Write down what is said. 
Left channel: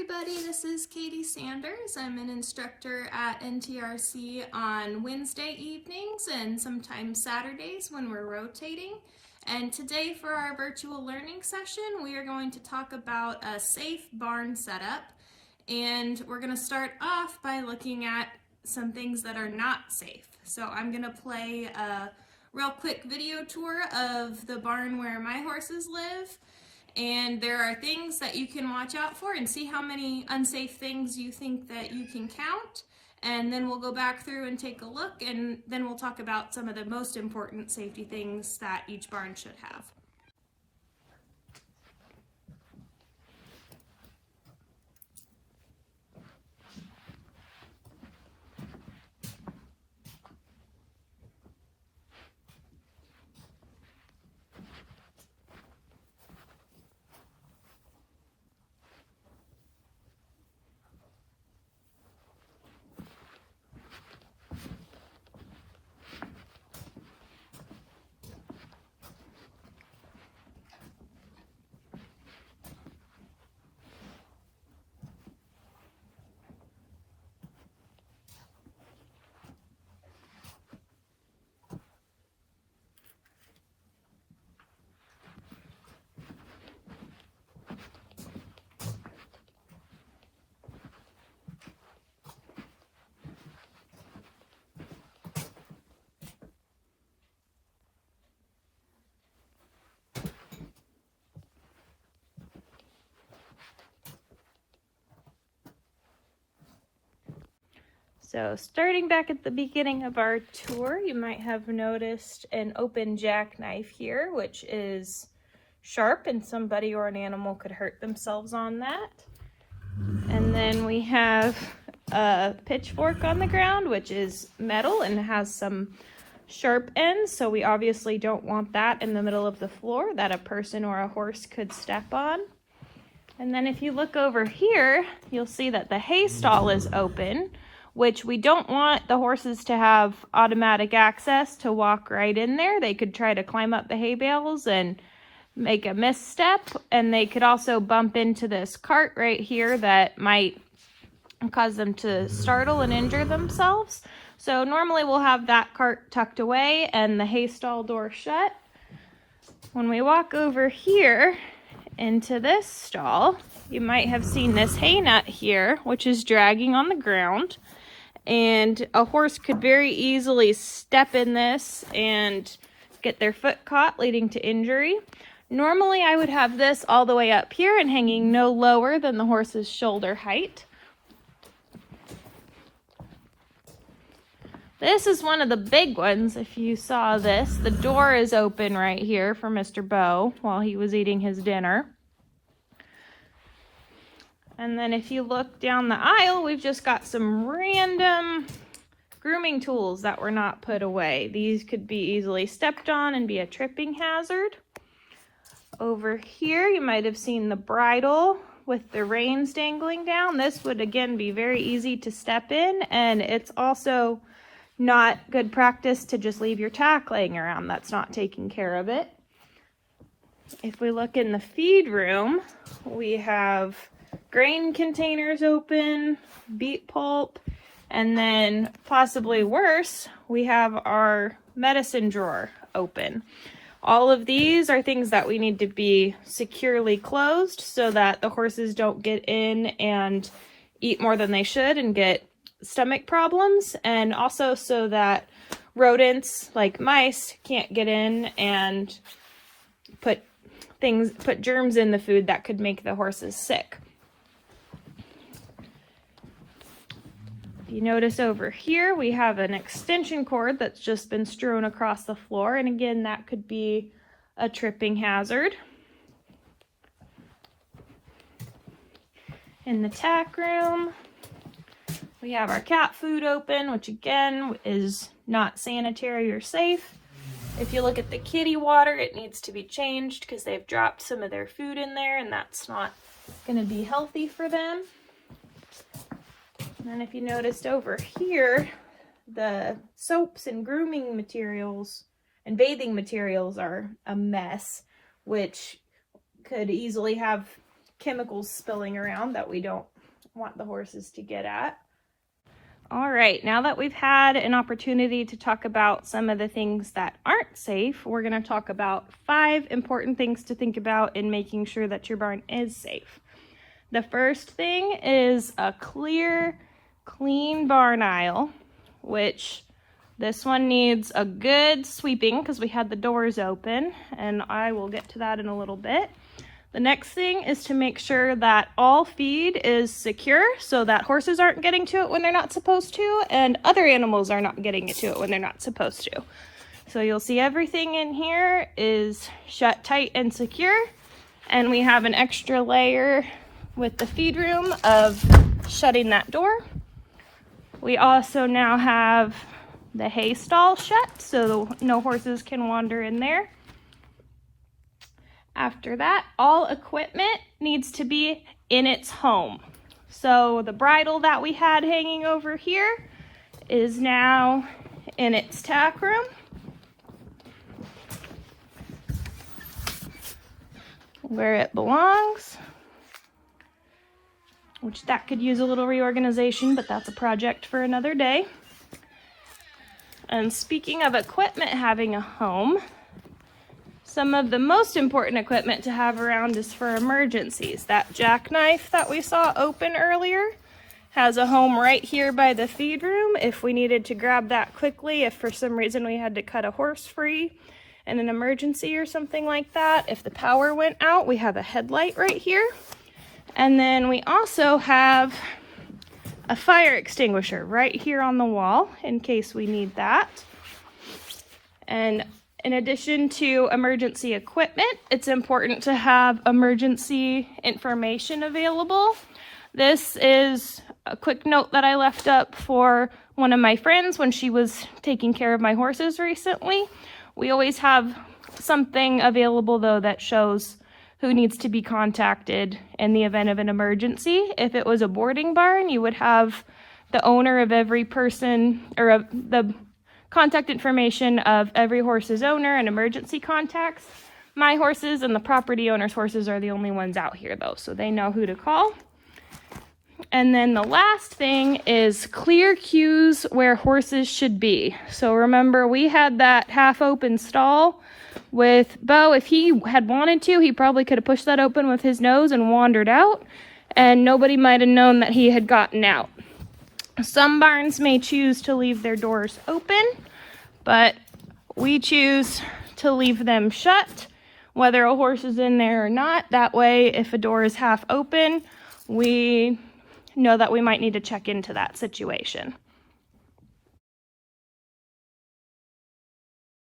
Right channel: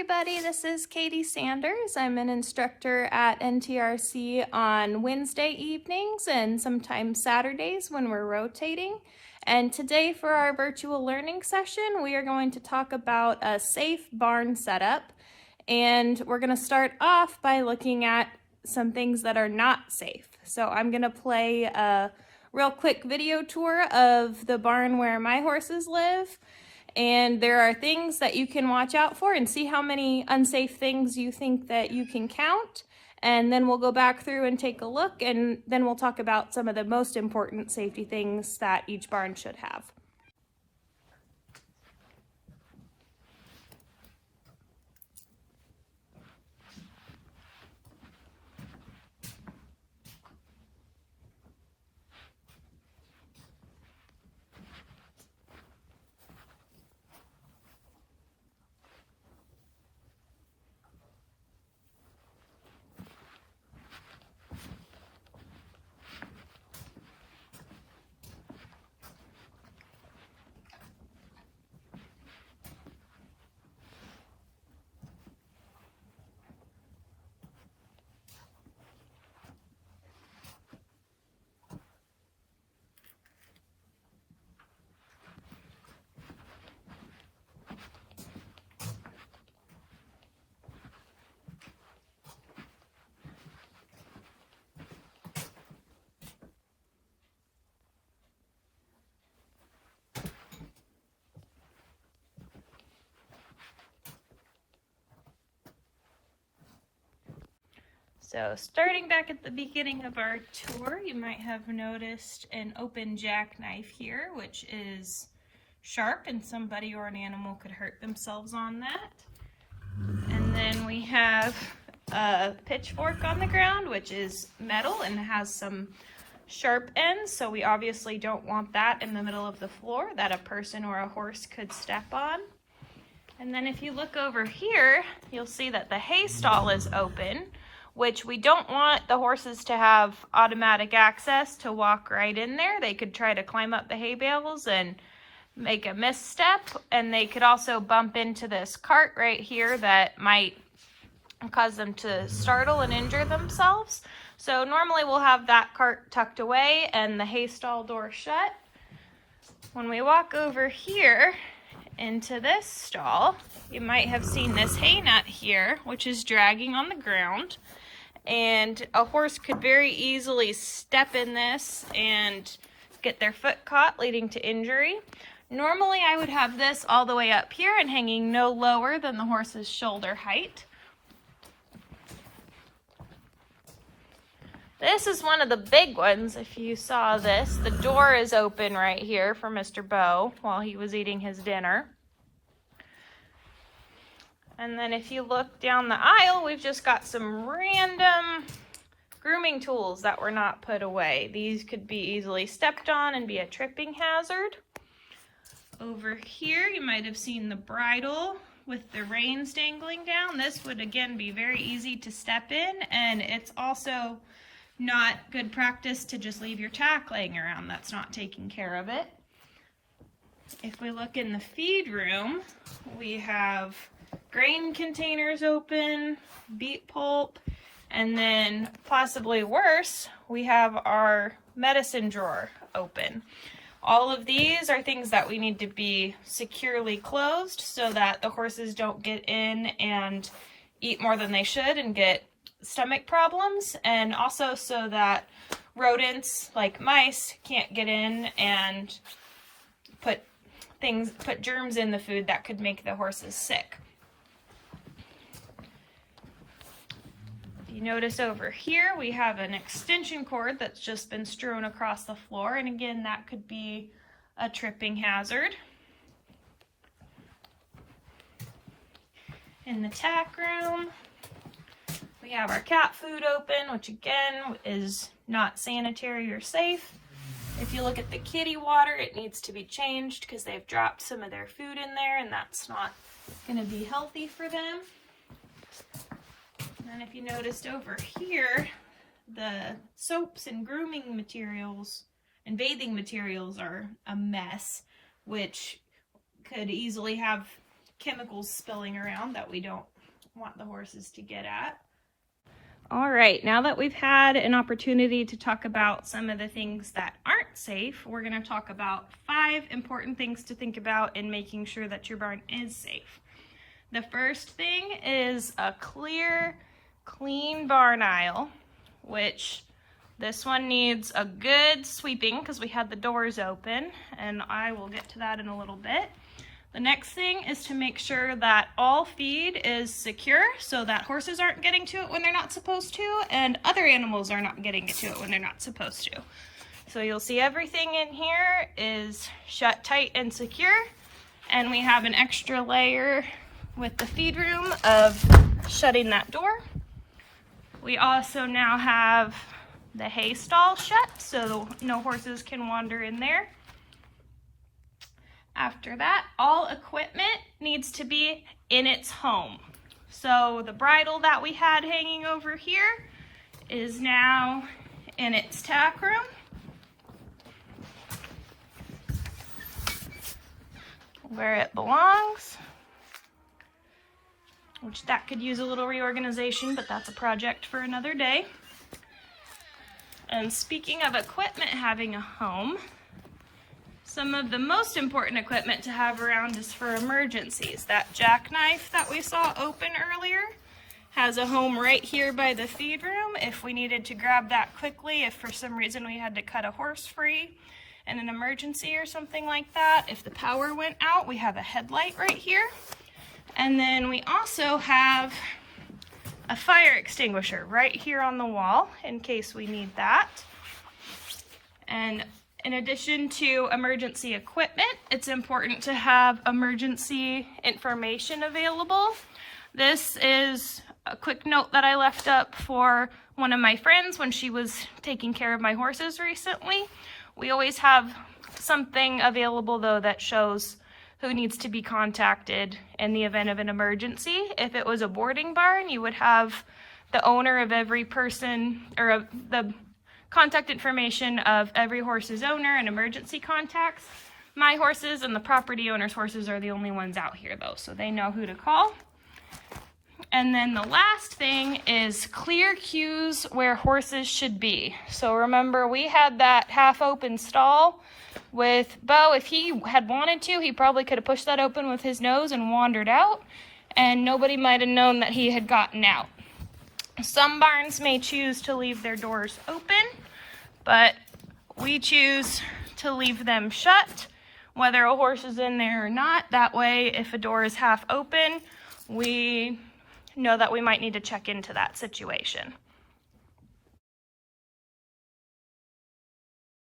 everybody, this is Katie Sanders. I'm an instructor at NTRC on Wednesday evenings and sometimes Saturdays when we're rotating. And today for our virtual learning session, we are going to talk about a safe barn setup. And we're going to start off by looking at some things that are not safe. So I'm going to play a real quick video tour of the barn where my horses live. And there are things that you can watch out for and see how many unsafe things you think that you can count. And then we'll go back through and take a look, and then we'll talk about some of the most important safety things that each barn should have. So starting back at the beginning of our tour, you might have noticed an open jackknife here, which is sharp and somebody or an animal could hurt themselves on that. And then we have a pitchfork on the ground, which is metal and has some sharp ends. So we obviously don't want that in the middle of the floor that a person or a horse could step on. And then if you look over here, you'll see that the hay stall is open, which we don't want the horses to have automatic access to walk right in there. They could try to climb up the hay bales and make a misstep, and they could also bump into this cart right here that might cause them to startle and injure themselves. So normally we'll have that cart tucked away and the hay stall door shut. When we walk over here into this stall, you might have seen this hay nut here, which is dragging on the ground. And a horse could very easily step in this and get their foot caught, leading to injury. Normally I would have this all the way up here and hanging no lower than the horse's shoulder height. This is one of the big ones. If you saw this, the door is open right here for Mr. Bo while he was eating his dinner. And then if you look down the aisle, we've just got some random grooming tools that were not put away. These could be easily stepped on and be a tripping hazard. Over here, you might have seen the bridle with the reins dangling down. This would again be very easy to step in, and it's also not good practice to just leave your tack laying around. That's not taking care of it. If we look in the feed room, we have grain containers open, beet pulp, and then possibly worse, we have our medicine drawer open. All of these are things that we need to be securely closed so that the horses don't get in and eat more than they should and get stomach problems, and also so that rodents like mice can't get in and put germs in the food that could make the horses sick. You notice over here we have an extension cord that's just been strewn across the floor, and again that could be a tripping hazard. In the tack room we have our cat food open, which again is not sanitary or safe. If you look at the kitty water, it needs to be changed because they've dropped some of their food in there and that's not going to be healthy for them. And if you noticed over here, the soaps and grooming materials and bathing materials are a mess, which could easily have chemicals spilling around that we don't want the horses to get at. All right, now that we've had an opportunity to talk about some of the things that aren't safe, we're going to talk about 5 important things to think about in making sure that your barn is safe. The first thing is a clear, clean barn aisle, which this one needs a good sweeping because we had the doors open, and I will get to that in a little bit. The next thing is to make sure that all feed is secure so that horses aren't getting to it when they're not supposed to, and other animals are not getting to it when they're not supposed to. So you'll see everything in here is shut tight and secure, and we have an extra layer with the feed room of shutting that door. We also now have the hay stall shut so no horses can wander in there. After that, all equipment needs to be in its home. So the bridle that we had hanging over here is now in its tack room. Where it belongs, which that could use a little reorganization, but that's a project for another day. And speaking of equipment having a home, some of the most important equipment to have around is for emergencies. That jackknife that we saw open earlier has a home right here by the feed room if we needed to grab that quickly, if for some reason we had to cut a horse free in an emergency or something like that. If the power went out, we have a headlight right here. And then we also have a fire extinguisher right here on the wall in case we need that. And in addition to emergency equipment, it's important to have emergency information available. This is a quick note that I left up for one of my friends when she was taking care of my horses recently. We always have something available though that shows who needs to be contacted in the event of an emergency. If it was a boarding barn, you would have the owner of every person, or of the contact information of every horse's owner and emergency contacts. My horses and the property owner's horses are the only ones out here though, so they know who to call. And then the last thing is clear cues where horses should be. So remember, we had that half open stall with Bo. If he had wanted to, he probably could have pushed that open with his nose and wandered out, and nobody might have known that he had gotten out. Some barns may choose to leave their doors open, but we choose to leave them shut, whether a horse is in there or not. That way, if a door is half open, we know that we might need to check into that situation.